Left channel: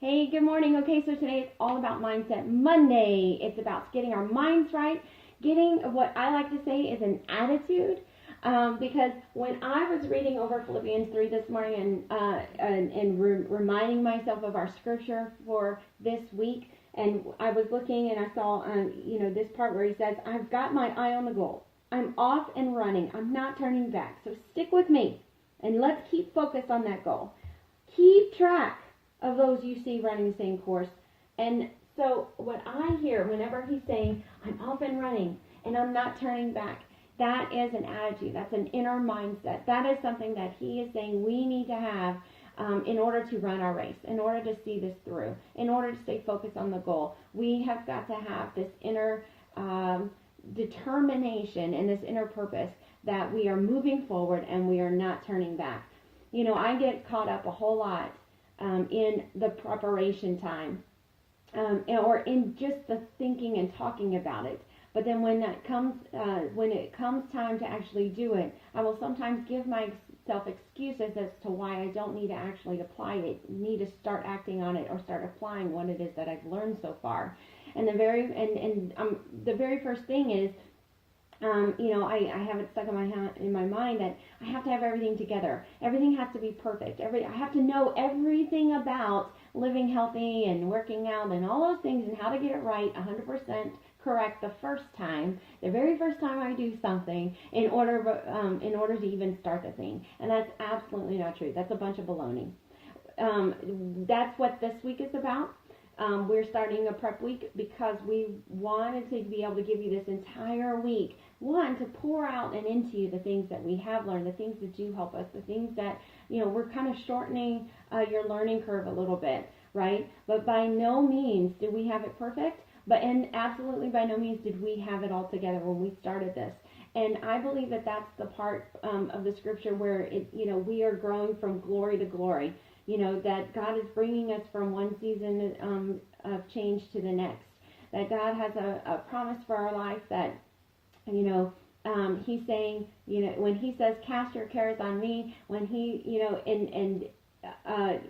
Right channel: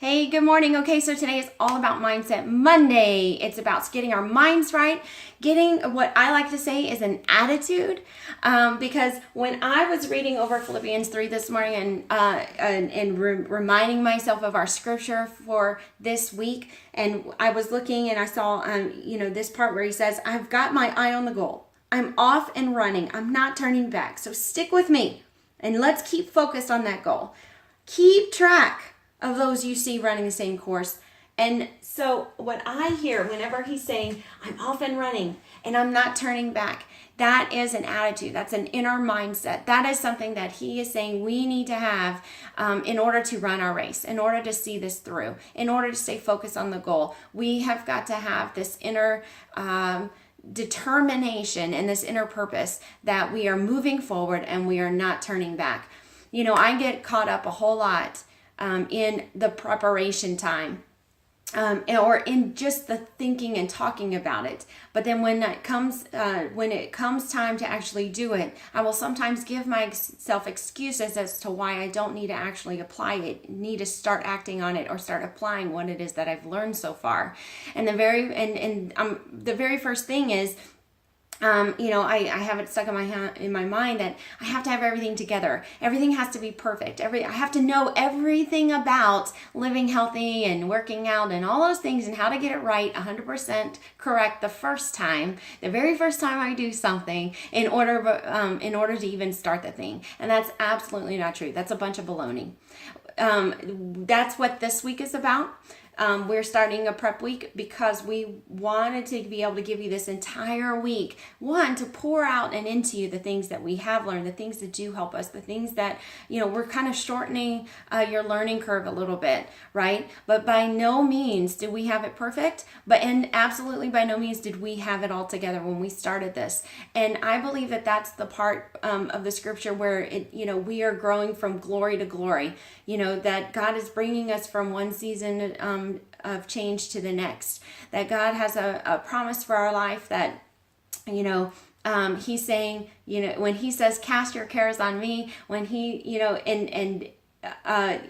Hey, good morning. Okay, so today is all about Mindset Monday. It's about getting our minds right, getting what I like to say is an attitude. Because when I was reading over Philippians 3 this morning and reminding myself of our scripture for this week, and I was looking and I saw, this part where he says, I've got my eye on the goal. I'm off and running. I'm not turning back. So stick with me and let's keep focused on that goal. Keep track of those you see running the same course. And so what I hear whenever he's saying, I'm off and running and I'm not turning back, that is an attitude. That's an inner mindset. That is something that he is saying we need to have in order to run our race, in order to see this through, in order to stay focused on the goal. We have got to have this inner determination and this inner purpose that we are moving forward and we are not turning back. You know, I get caught up a whole lot in the preparation time or in just the thinking and talking about it. But then when it comes time to actually do it, I will sometimes give myself excuses as to why I don't need to actually apply it, need to start acting on it or start applying what it is that I've learned so far. And the very first thing is, I have it stuck in my mind that I have to have everything together. Everything has to be perfect. I have to know everything about living healthy and working out and all those things and how to get it right 100% correct the very first time I do something in order to even start the thing. And that's absolutely not true. That's a bunch of baloney. That's what this week is about. We're starting a prep week because we wanted to be able to give you this entire week, one, to pour out and into you the things that we have learned, the things that do help us, the things that, we're kind of shortening your learning curve a little bit, right? But by no means did we have it perfect, and absolutely by no means did we have it all together when we started this. And I believe that that's the part of the scripture where we are growing from glory to glory. That God is bringing us from one season of change to the next. That God has a promise for our life that, he's saying, when he says, cast your cares on me, when he,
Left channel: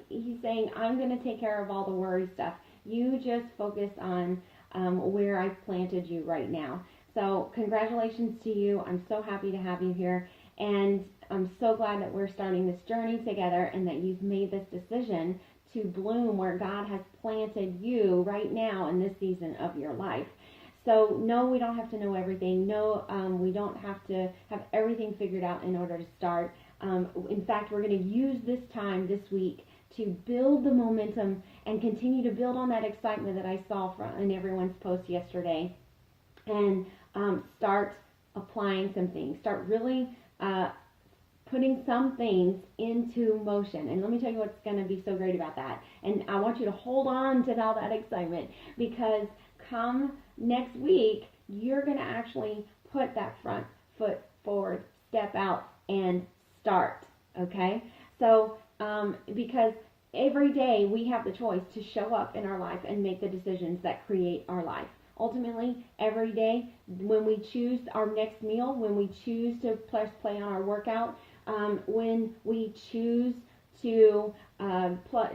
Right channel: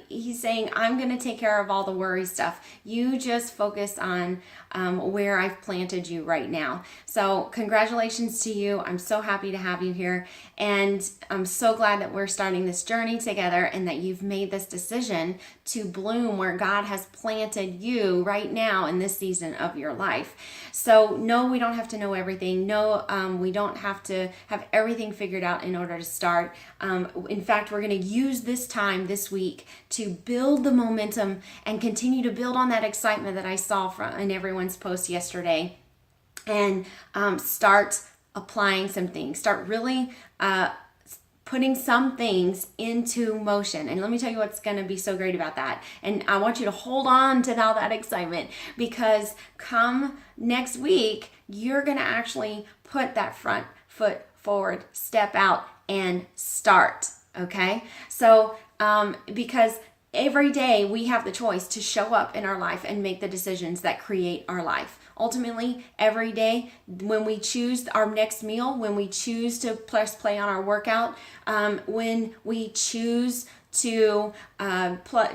he's saying, I'm going to take care of all the worry stuff. You just focus on where I've planted you right now. So congratulations to you. I'm so happy to have you here. And I'm so glad that we're starting this journey together and that you've made this decision to bloom where God has planted you right now in this season of your life. So no, we don't have to know everything. No, we don't have to have everything figured out in order to start. In fact, we're going to use this time this week to build the momentum and continue to build on that excitement that I saw in everyone's post yesterday, and start applying some things. Start really putting some things into motion. And let me tell you what's going to be so great about that. And I want you to hold on to all that excitement, because come next week, you're going to actually put that front foot forward, step out, and start. Okay? So, because every day we have the choice to show up in our life and make the decisions that create our life. Ultimately, every day when we choose our next meal, when we choose to press play on our workout, when we choose to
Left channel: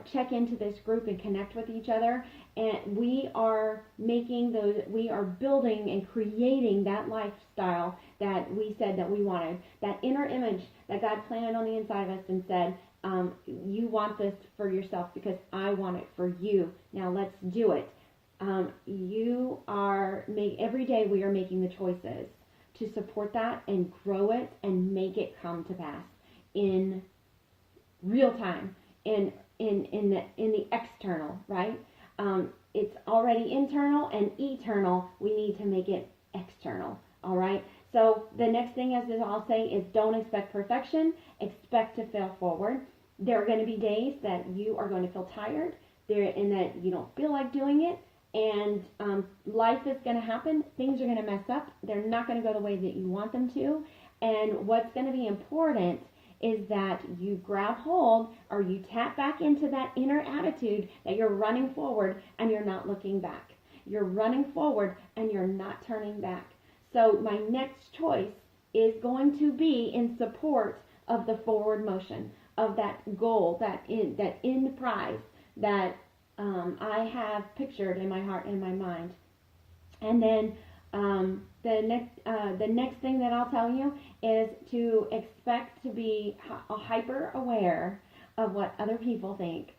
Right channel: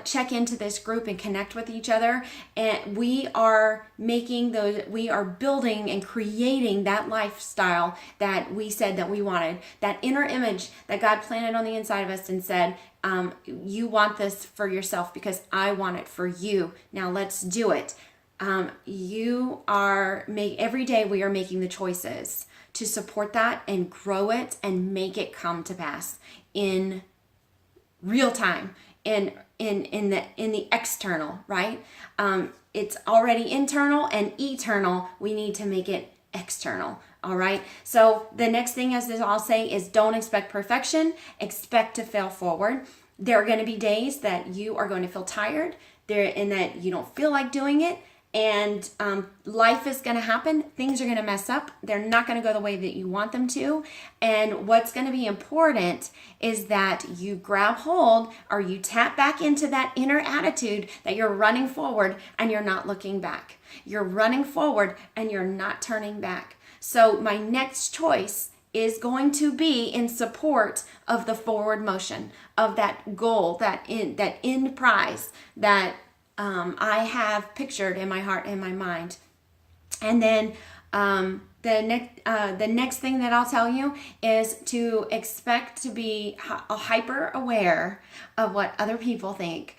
check into this group and connect with each other, and we are building and creating that lifestyle that we said that we wanted, that inner image that God planted on the inside of us and said, you want this for yourself because I want it for you. Now let's do it. Every day we are making the choices to support that and grow it and make it come to pass in real time, in the external, right? It's already internal and eternal. We need to make it external. All right. So the next thing, as I'll say, is don't expect perfection. Expect to fail forward. There are going to be days that you are going to feel tired and that you don't feel like doing it. And life is going to happen. Things are going to mess up. They're not going to go the way that you want them to. And what's going to be important is that you grab hold or you tap back into that inner attitude that you're running forward and you're not looking back. You're running forward and you're not turning back. So my next choice is going to be in support of the forward motion, of that goal, that end prize, that I have pictured in my heart and my mind. And then the next thing that I'll tell you is to expect to be hyper aware of what other people think,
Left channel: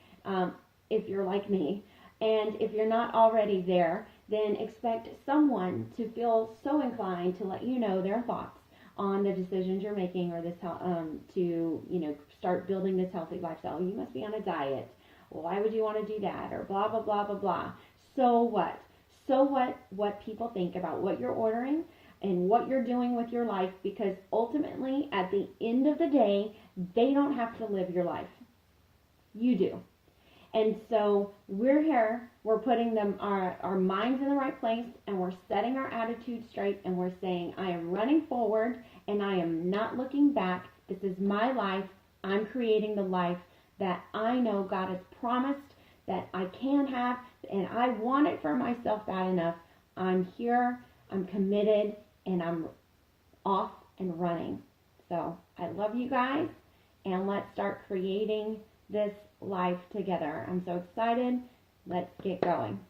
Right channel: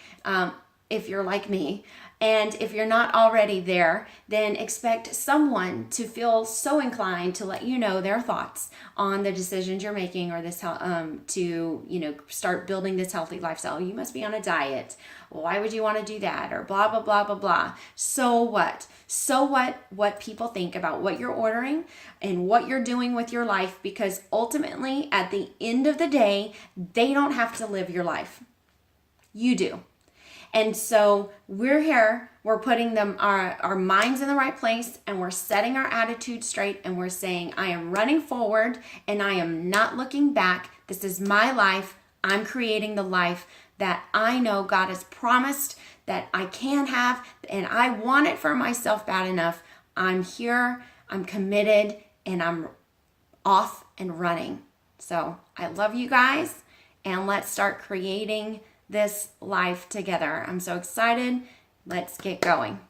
if you're like me. And if you're not already there, then expect someone to feel so inclined to let you know their thoughts on the decisions you're making, or this to start building this healthy lifestyle. You must be on a diet. Well, why would you want to do that? Or blah blah blah blah blah. So what? So what people think about what you're ordering and what you're doing with your life, because ultimately at the end of the day, they don't have to live your life. You do. And so we're here, we're putting our minds in the right place, and we're setting our attitude straight, and we're saying, I am running forward and I am not looking back. This is my life. I'm creating the life that I know God has promised that I can have, and I want it for myself bad enough. I'm here, I'm committed, and I'm off and running. So I love you guys, and let's start creating this life together. I'm so excited. Let's get going.